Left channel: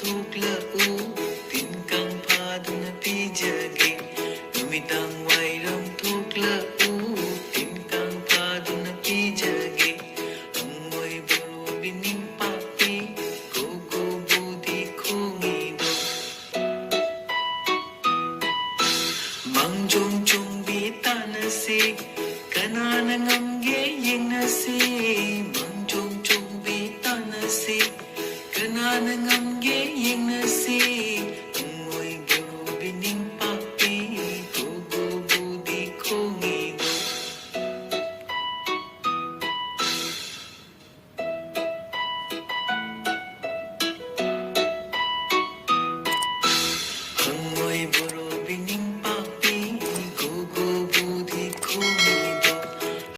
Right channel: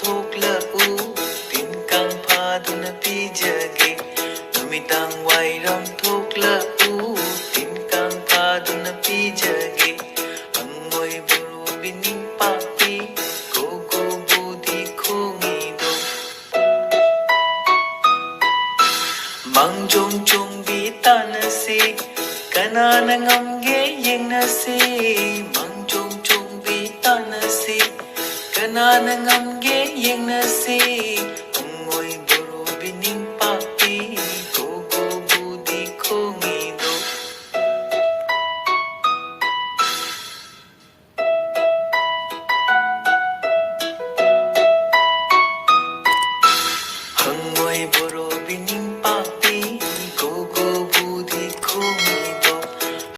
ꯊꯣꯛꯂꯛꯎ ꯇꯤꯟꯀꯥꯡ ꯐꯥꯗꯨꯅ ꯄꯤꯖꯒꯦ ꯅꯨꯃꯤꯗꯥꯡ ꯋꯥꯏꯔꯝ ꯊꯣꯛꯂꯛꯎ ꯇꯤꯟꯀꯥꯡ ꯐꯥꯗꯨꯅ ꯄꯤꯖꯒꯦ ꯍꯪꯉꯣꯏ ꯕꯣꯔꯣꯕꯤ ꯅꯤꯡꯄꯥꯛꯄꯤ ꯒꯣꯒꯣ ꯕꯨꯗꯤ ꯈꯣꯡꯉꯤꯗꯣ ꯃꯥꯡꯖꯣꯡ ꯆꯣꯡꯕꯤ ꯇꯥꯟꯅꯁꯤ ꯀꯅꯥꯅ ꯉꯝꯒꯦ ꯌꯦꯡꯅꯁꯤ ꯃꯥꯡꯖꯣꯡ ꯆꯣꯡꯕꯤ ꯇꯥꯟꯅꯁꯤ ꯀꯅꯥꯅ ꯉꯝꯒꯦ ꯌꯦꯡꯅꯁꯤ ꯍꯪꯉꯣꯏ ꯕꯣꯔꯣꯕꯤ ꯅꯤꯡꯄꯥꯛꯄꯤ ꯒꯣꯒꯣ ꯕꯨꯗꯤ ꯈꯣꯡꯉꯤꯗꯣ ꯍꯪꯉꯣꯏ ꯕꯣꯔꯣꯕꯤ